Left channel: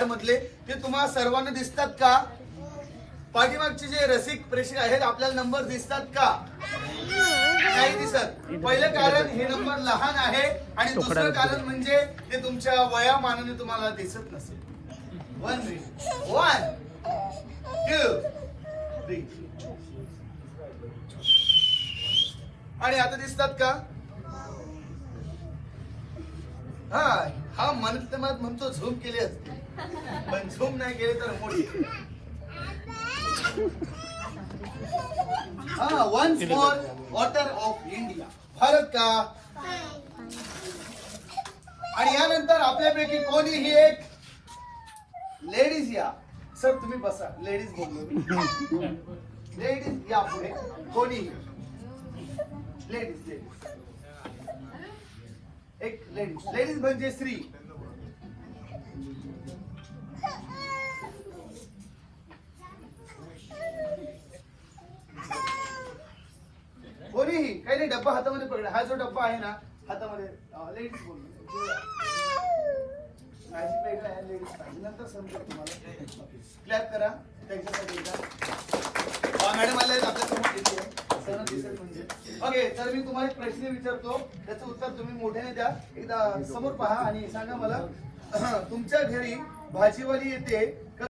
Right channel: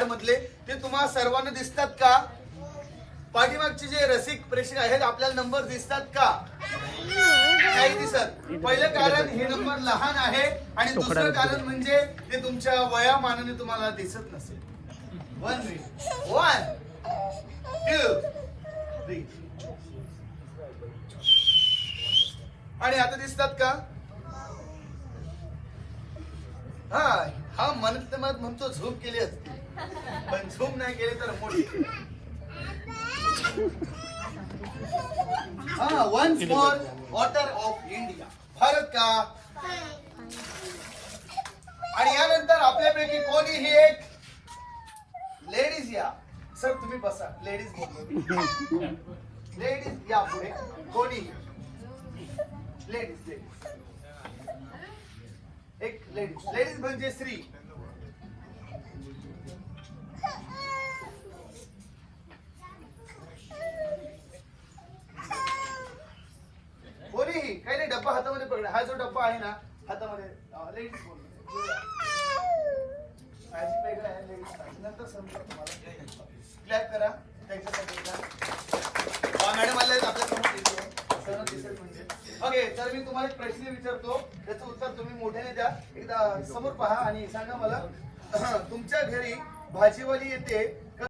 Card मधले ते तुम्हाला सर्वांना दिसतात का? पाठीमागचे जे रसिक प्रेक्षक आहेत आपल्याला नंबर दिसतात का? नाही दिसत. पहिलं कारण हे नंबर लहान आहे आणि दुसरं कारण म्हणजे ते तुमच्या वयामानाने तुम्हाला दिसत नसेल. 1 2 3 आणि आता दिसतात का? हा म्हणत म्हणतो झूम केले असते पण झूम नाही केले तर once more water of India Bharat का? आणि यानंतर आपल्यापैकी कोणीही एक लेडीज या. सर तुम्ही बसा. लेडीज बोलले. लेडीज या पुढे. कोणी लेडीज एक लेडीज म्हणजे स्त्री. कोणीही काही डब्बा हातामध्ये पकडा. हा जो डब्बा आहे ना हातामध्ये लेडीज बोलले. माझी काही काय लेडीज नंतर समजेल तुम्हाला. क्लॅप करा त्यांच्यासाठी. ओके तर मी तुम्हाला एक प्रश्न विचारतो त्याचं उत्तर तुम्ही मोठ्याने द्या. एकदा समोर पहा आणि सांगा मला तुमच्या घरी भाजीवाली येते